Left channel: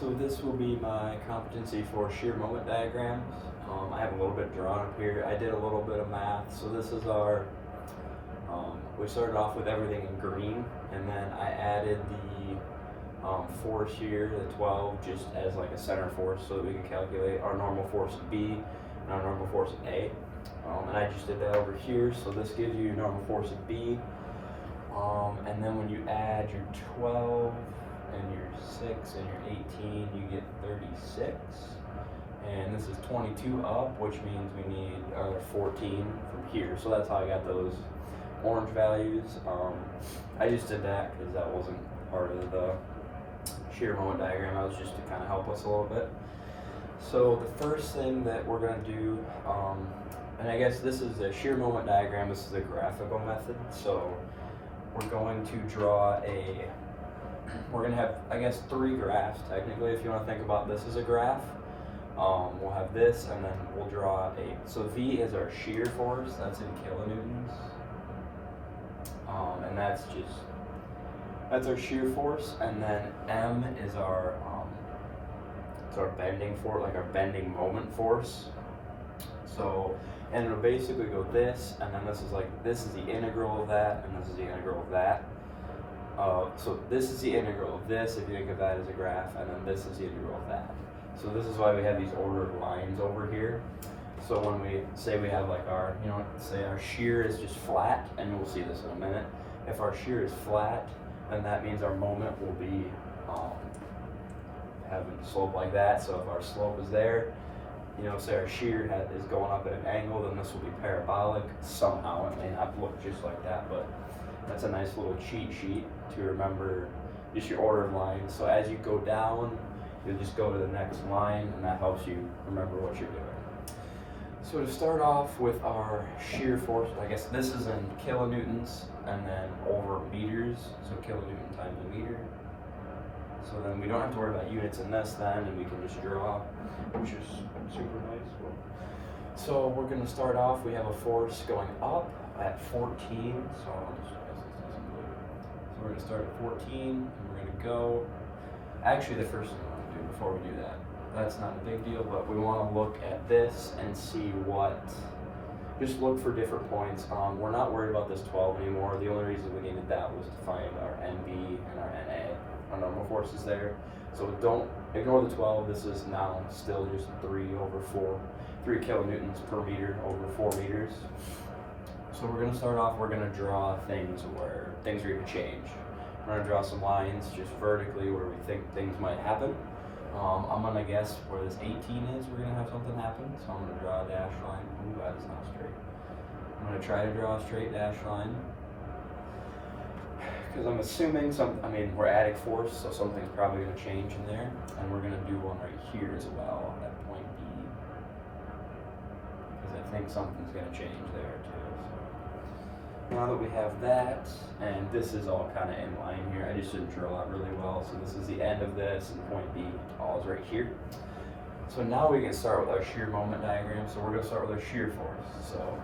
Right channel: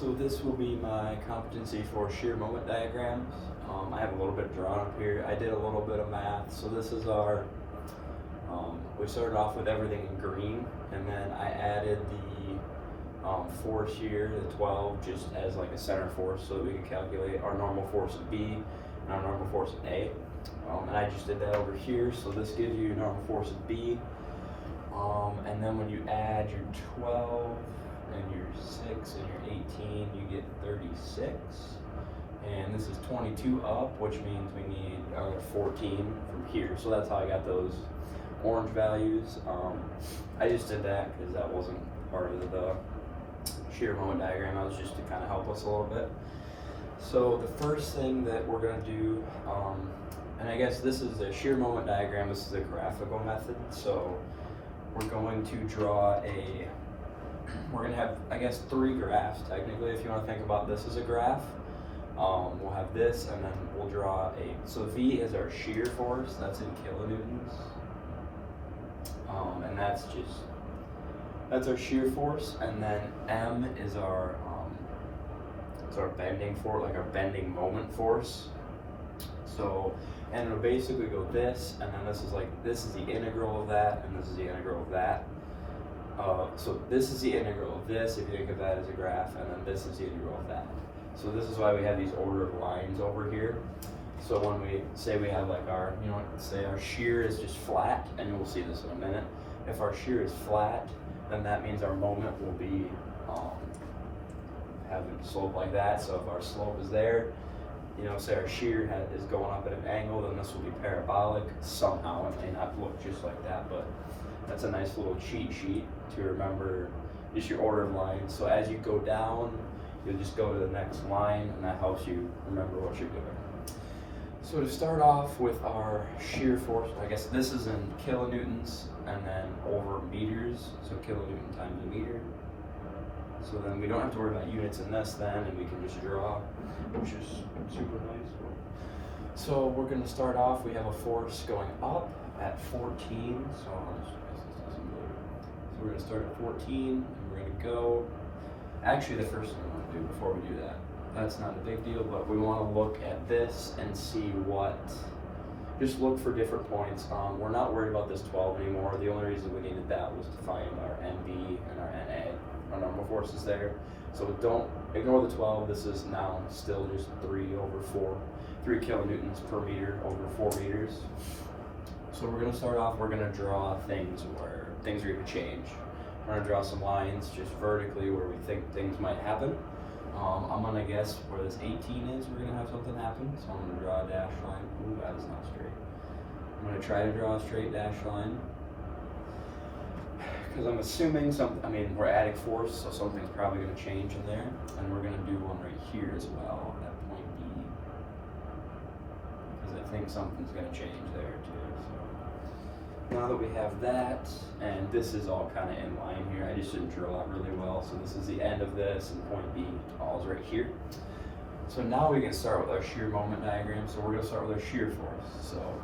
So this will be my competency for shear moment diagram. I have a little bit drawn up here. I did a little bit of math. So this is our, we started off with everything in green, and then I added the force here, the 12, just as like a center force so that we can calculate our normal force of B and our normal force of A. And I just did that over here, so this gives you your normal force of B. And then when you add your 12 and your 6 and your 18, you get 36. And this is 22 up, which means we need another 14 from here. So that's how I got those orange values. I just did that because that wasn't part of the shear moment diagram. That was just to kind of help us a little bit. So the first thing that we're going to do, and I guess this is a shear moment diagram, this is a graphical method. So we're going to draw we're going to have, I guess, 3 graphs technically, if you want to think about this as a graph. We'll have this, and then we'll draw so V is our shear force, that's in kilonewtons. And that's our shear force, and then M is our bending force, like our bending moment force. So, and it'll basically go this, and then this is the integral of that, and this is the integral of that. So this is the integral of this, if you think of that as a graph, and then this is the integral of that. So this is why we have these order of lines over here. So when we say we have like our, say our shear is just flat, and we'll see this in a minute. If our shear is flat, then that means our moment will be having a slope like that. So if our slope is there, say our shear is going up at an angle, then this will be parabolic somehow. It may not look just like that, but that's a nice little cheat sheet to remember just your order of lines. So as you go down, you just go to the next line, and that helps you remember what you're doing. So to start off with our shear force, I guess this is in kilonewtons and then over meters, so kilonewton times a meter. So then we don't have to worry about units in this then, and we can just draw, which is super nice. So we're going to start off, we have a force going up at 14, so we're going to start at 14, and we're going to go, actually the first thing I want to do before we do that, that's not a big deal, but we want to look at this and see just look for different points. We're not worried about this 12 anymore. The only reason we needed that was to find our NB and our NA, our normal forces there. So don't ignore the 12. This is now still just 3 kilonewtons per meter over 4 meters. So we're going to start off, we're going to draw things where things are going to change. We're going to draw some lines just vertically where we think things might happen. I'm going to guess where this 18 is, we're going to have something happen. So I'm going to draw a dash line. Ooh, that is not straight. I'm going to try to draw a straight dash line. Because I'm assuming we're adding force, so something's probably going to change in there. And we're going to do one right here as well at point B. Because I think something's going to change there too. Now that we have that, and this is all kind of in line here, I just didn't draw that really well. So this is the end of this, and point B all is right here. So now we can start with our shear moment diagram. So we're going to start with our shear force. So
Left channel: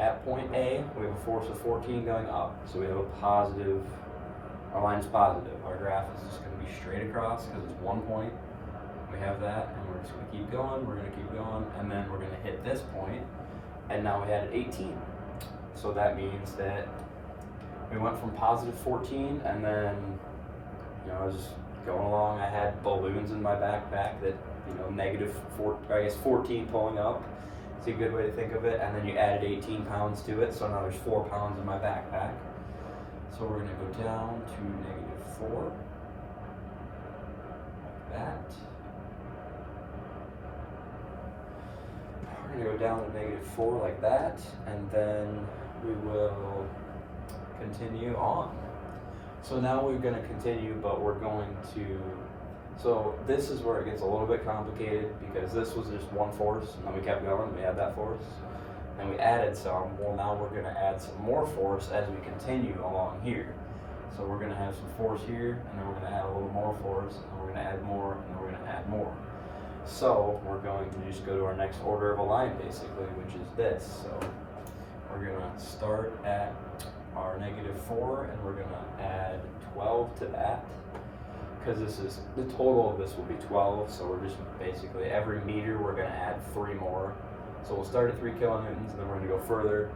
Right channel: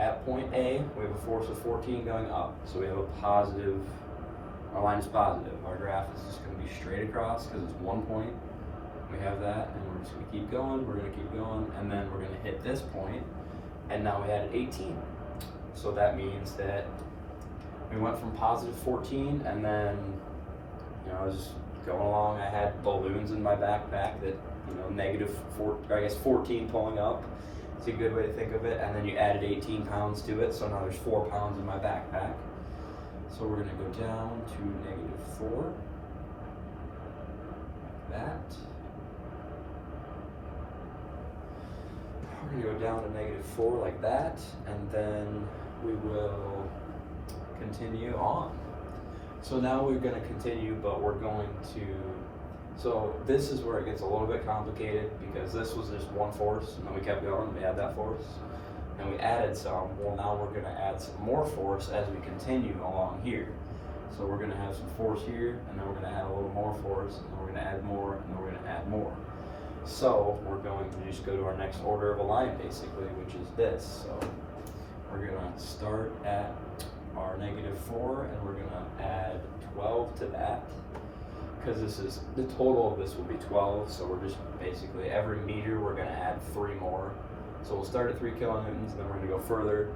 at point A, we have a force of 14 going up. So we have a positive, our line is positive. Our graph is just going to be straight across because it's one point. We have that, and we're just going to keep going, and then we're going to hit this point, and now we had 18. So that means that we went from positive 14, and then, I was going along, I had balloons in my backpack that, I guess 14 pulling up. It's a good way to think of it. And then you added 18 pounds to it, so now there's 4 pounds in my backpack. So we're going to go down to -4, like that. We're going to go down to -4 like that, and then we will continue on. So now we're going to continue, but we're going to, so this is where it gets a little bit complicated because this was just one force, and then we kept going, we had that force, and we added some. Well, now we're going to add some more force as we continue along here. So we're going to have some force here, and then we're going to add a little more force, and then we're going to add more, and then we're going to add more. So we're going to just go to our next order of a line, basically, which is this. So we're going to start at our -4, and we're going to add 12 to that. because this is, the total of this will be 12, so we're just basically, every meter we're going to add 3 more. So we'll start at 3 kilonewtons, and then we're going to go further,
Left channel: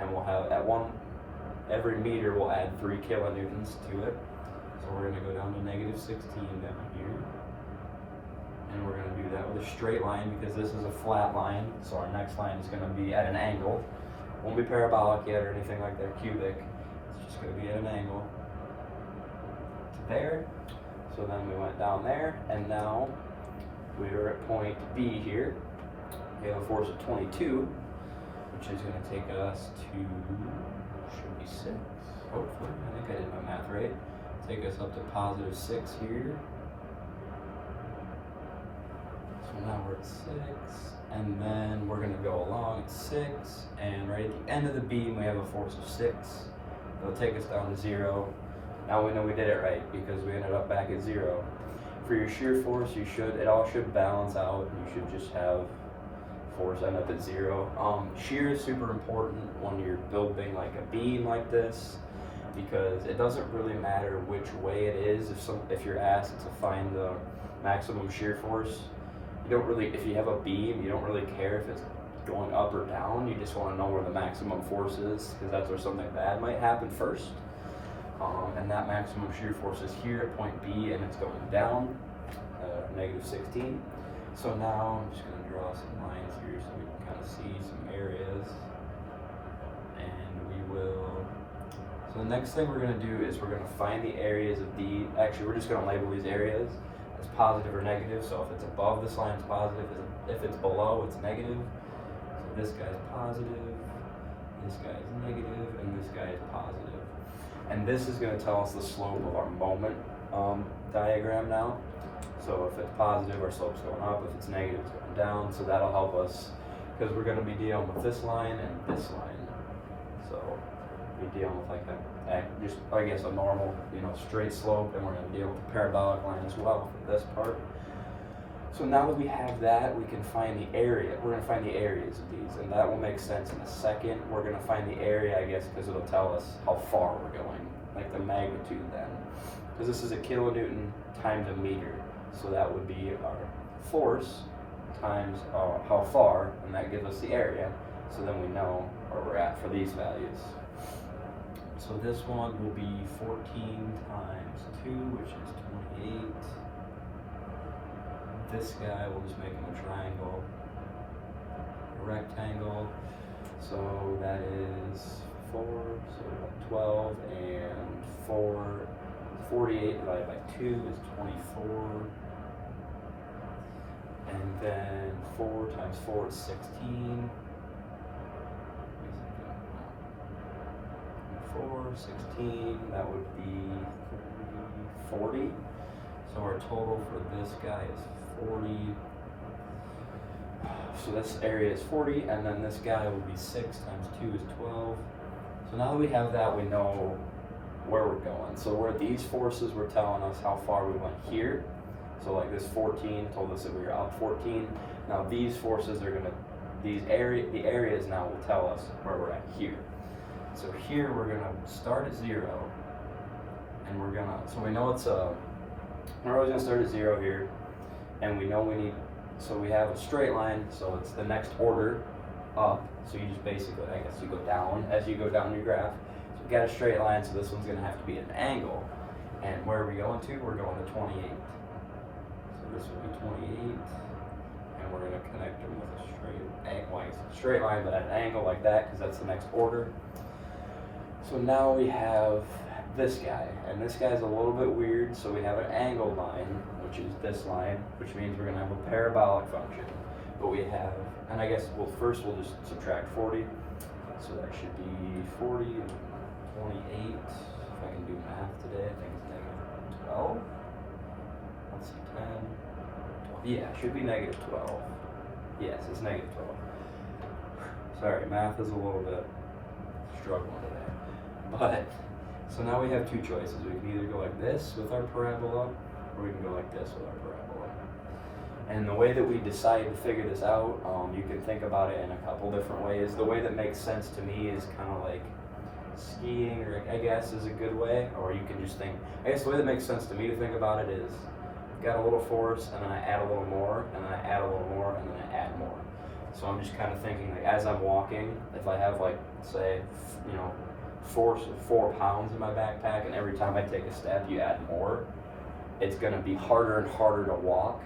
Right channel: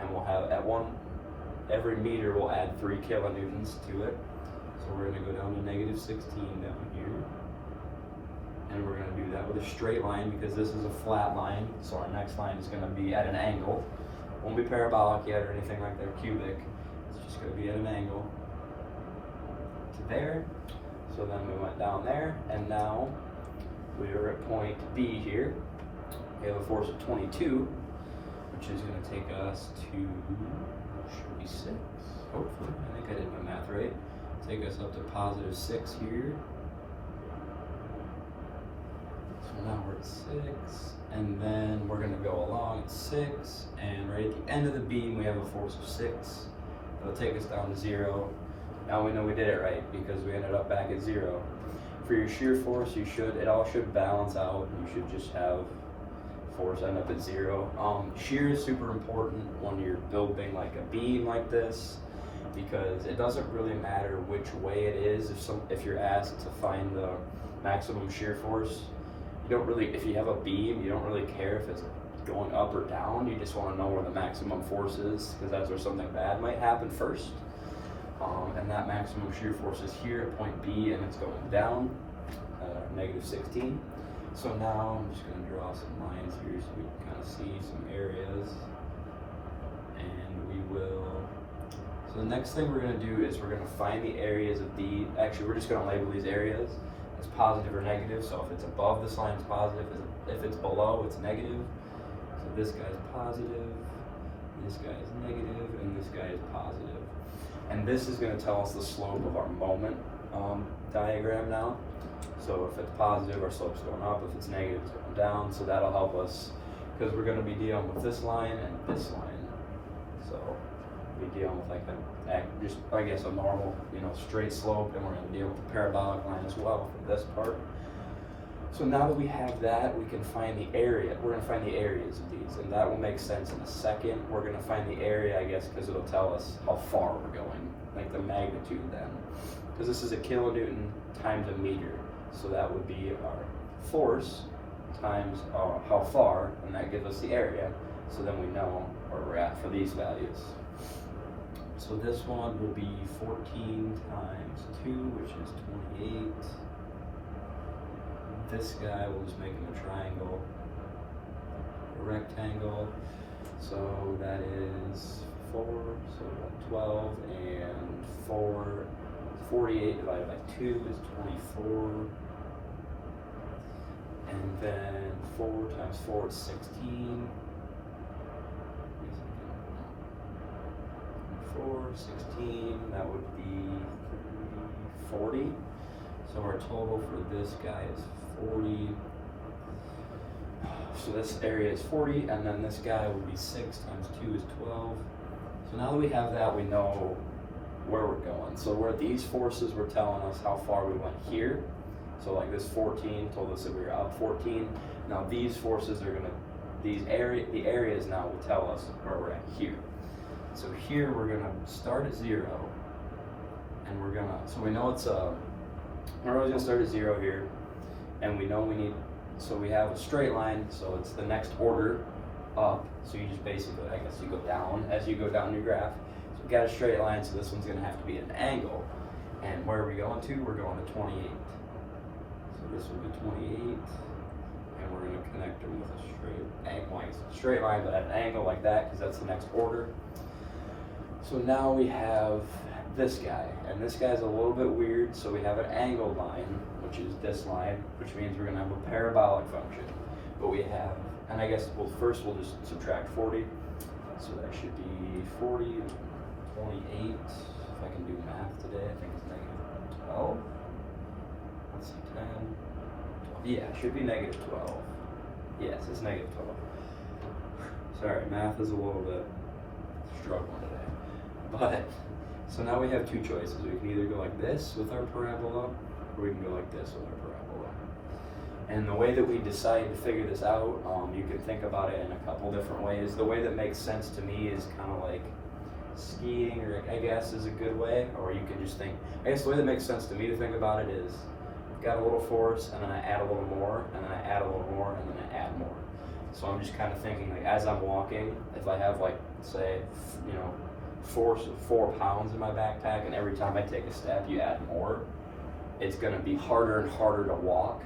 and we'll have, every meter we'll add 3 kilonewtons to it. So we're going to go down to negative 16 down here. And we're going to do that with a straight line because this is a flat line. So our next line is going to be at an angle. Won't be parabolic yet or anything like that, cubic. It's just going to be at an angle to there. So then we went down there, and now we are at point B here. We have a force of 22, which is going to take us to, should be 6, hopefully. I think I did my math right. Take us up to positive 6 here. So now we're at 6, and then we're going to go along at 6, and right at the end of the beam we have a force of 6. It'll take us down to 0. Now we know we did it right because we ended up back at 0. For your shear force, it all should balance out. You should just have force end up at 0. Shear is super important when you're building like a beam like this, because it doesn't really matter which way it is. If you're asked to find the maximum shear force, if you have a beam, you don't really care if it's going up or down. You just want to know where the maximum force is, because that's where something bad might happen first. And that maximum shear force is here at point B, and it's going down, negative 16. So now I'm just going to draw some lines here so we can kind of see some areas. And we will, so the next thing we're going to do is we're going to find the areas of the, actually we're just going to label these areas as positive or negative. So if it's above this line, it's positive. If it's below, it's negative. So this guy is positive, this guy is negative, and this guy is positive. And this is going to tell us the slope of our moment diagram now. So if it's positive, our slope's going up. If it's negative, it's going down. So that'll help us, because we're going to be dealing with this line and this line. So we're dealing with I guess a normal, straight slope, and we're going to deal with the parabolic line as well for this part. So now that we have that, we can find the area. We're going to find the areas of these, and that will make sense in a second. We're going to find the area, I guess, because it'll tell us how far we're going, like the magnitude then. Because this is a kilonewton times a meter. So that would be our force times how far, and that gives us the area. So then we know where we're at for these values. So this one will be 14 times 2, which is 28. This guy, we'll just make him a triangle, a rectangle. So that is 4, so 12, and 4, 48 divided by 2 is 24. And then 4 times 4 is 16. 4, 16, that would be 40. So our total for this guy is 40. So this area is 40, and then this guy would be 6 times 2 is 12. So now that we have that, we know where we're going. So where these forces were telling us how far we went here. So like this 14 told us that we were out 14. Now these forces are the areas now will tell us where we're at here. So here we're gonna start at 0, and so we know we're always gonna start at 0 here, and we know so we have a straight line, so it's the next order up. So you just basically, I guess you go down as you go down your graph. So we got a straight line, so this one's gonna have to be at an angle. And where are we going to? We're going to 28. So this will be 28, and we're gonna connect them with a straight line, but at an angle like that, because that's the next order. So now we have this guy, and this guy's a little bit weird. So we have an angle line, which is this line, which means we're gonna have a parabolic function. But we have, and I guess first we'll just subtract 40. So that should be 40, 28. If I can do math today, I think it's negative 12. Let's see, 10. Yeah, it should be negative 12. Yes, it's negative 12. Sorry, math is a little bit struggling today. But, so now we have two choices. We can either go like this with our parabola, or we can go like this with our parabola. And the way that we decided to figure this out, you can think about it in a couple different ways. The way that makes sense to me is kind of like, skiing, or I guess is a good way, or you can just think, I guess the way that makes sense to me to think about it is, I've got a little force, and then I add a little more, and then I add a little more, and then I add more. So I'm just kind of thinking, like, as I'm walking, if I have, like, say, force of 4 pounds in my backpack, and every time I take a step you add more, it's gonna be harder and harder to walk.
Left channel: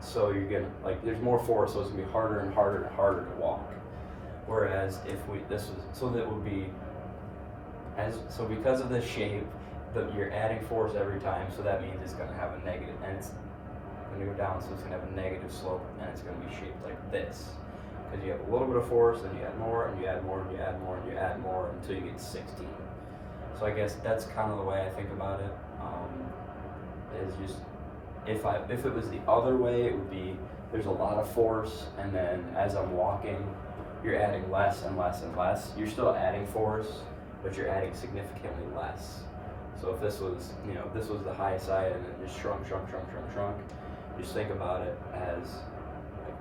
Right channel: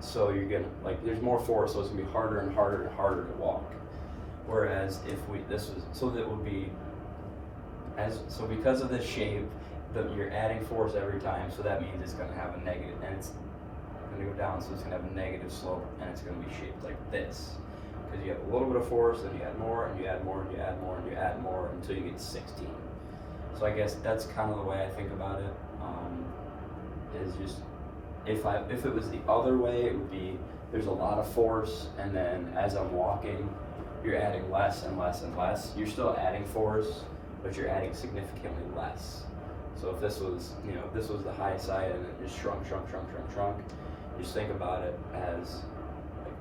So you're gonna, like, there's more force, so it's gonna be harder and harder and harder to walk. Whereas if that would be, so because of this shape, you're adding force every time, so that means it's gonna have a negative, and it's gonna go down, so it's gonna have a negative slope, and it's gonna be shaped like this. Because you have a little bit of force, then you add more, and you add more, and you add more, and you add more, until you get 16. So I guess that's kind of the way I think about it. Is just, if it was the other way, it would be, there's a lot of force, and then as I'm walking, you're adding less and less and less. You're still adding force, but you're adding significantly less. So if this was, this was the high side, and it just shrunk, just think about it as, like,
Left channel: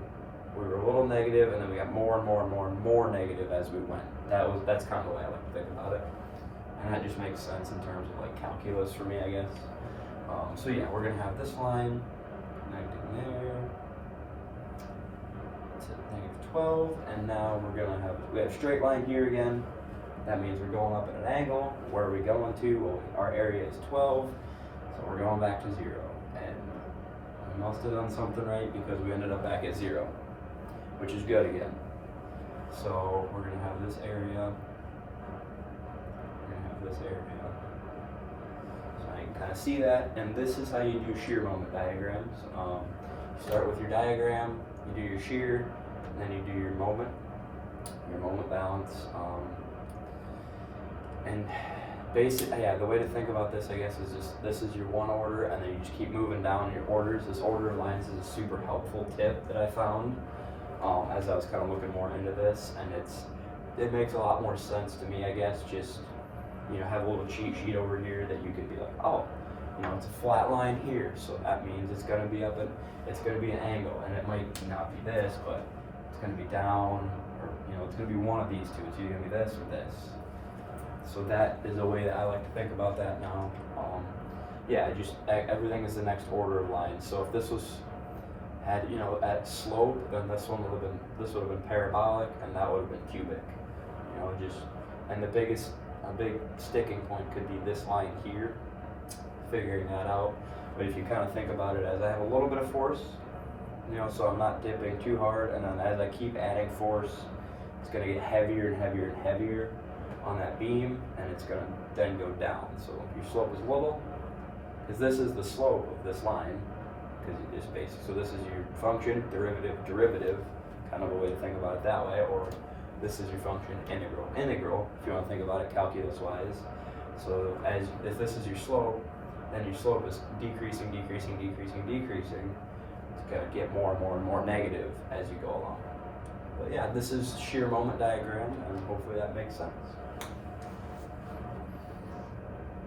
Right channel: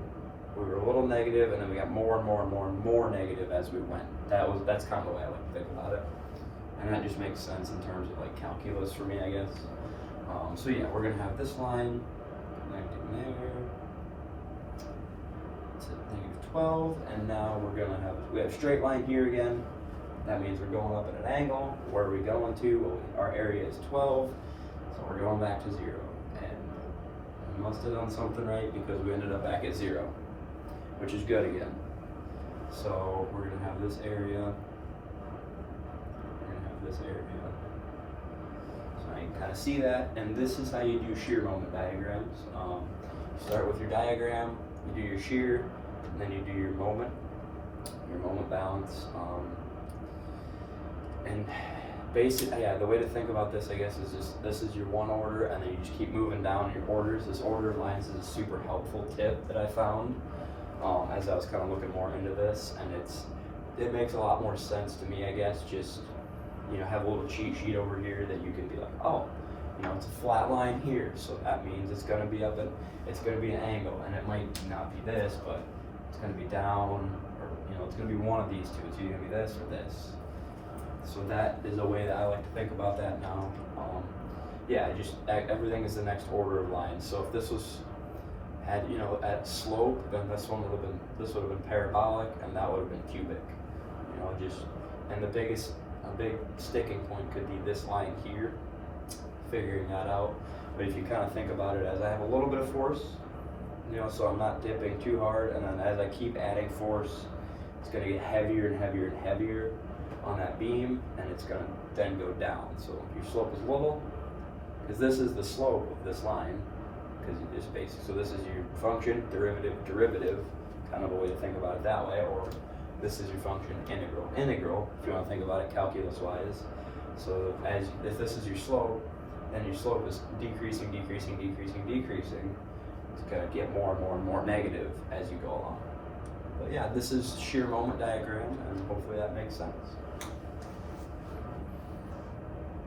we were a little negative, and then we got more and more and more and more negative as we went. That's kind of the way I like to think about it, and that just makes sense in terms of, like, calculus for me, I guess. So yeah, we're gonna have this line connected there to -12, and now we have straight line here again. That means we're going up at an angle. Where are we going to? Well, our area is 12, so we're going back to 0. And we must have done something right, because we ended up back at 0, which is good again. So we're gonna have this area. So now you can kind of see that, and this is how you do shear moment diagrams. You start with your diagram, you do your shear, and then you do your moment balance. And basically, yeah, the way to think about this, I guess, is just, this is your one order, and then you just keep moving down your orders. This order of lines is a super helpful tip that I found as I was kind of looking more into this, and it makes a lot more sense to me, I guess. Just, have a little cheat sheet over here that you can be like, oh, it's a flat line here, so that means it's going to be it's going to be an angle, and it might not be this, but it's going to be down, or it's going to be one of these two. It's either going to be this or this. So that is a way that I like to think about that now. Yeah, just everything is the next order of lines. So if this had at slope, then this would have been parabolic, and that would have been cubic. And a big sticking point could be this line here, figuring that out. But if you kind of think about it as, I have a little bit of force, so I'm not dipping too hard, and then as I keep adding force, it's going to get heavier and heavier and heavier on that beam, and it's going to then go down. So your slope is little, because this is the slope of this line, because it is basic. So this is your function, derivative, kind of a way to think about it that way, or this is your function, integral, if you want to think about it calculus-wise. So if this is your slope, then your slope is decreasing. It's going to get more and more and more negative as you go along. But yeah, this is shear moment diagram, and hopefully that makes sense.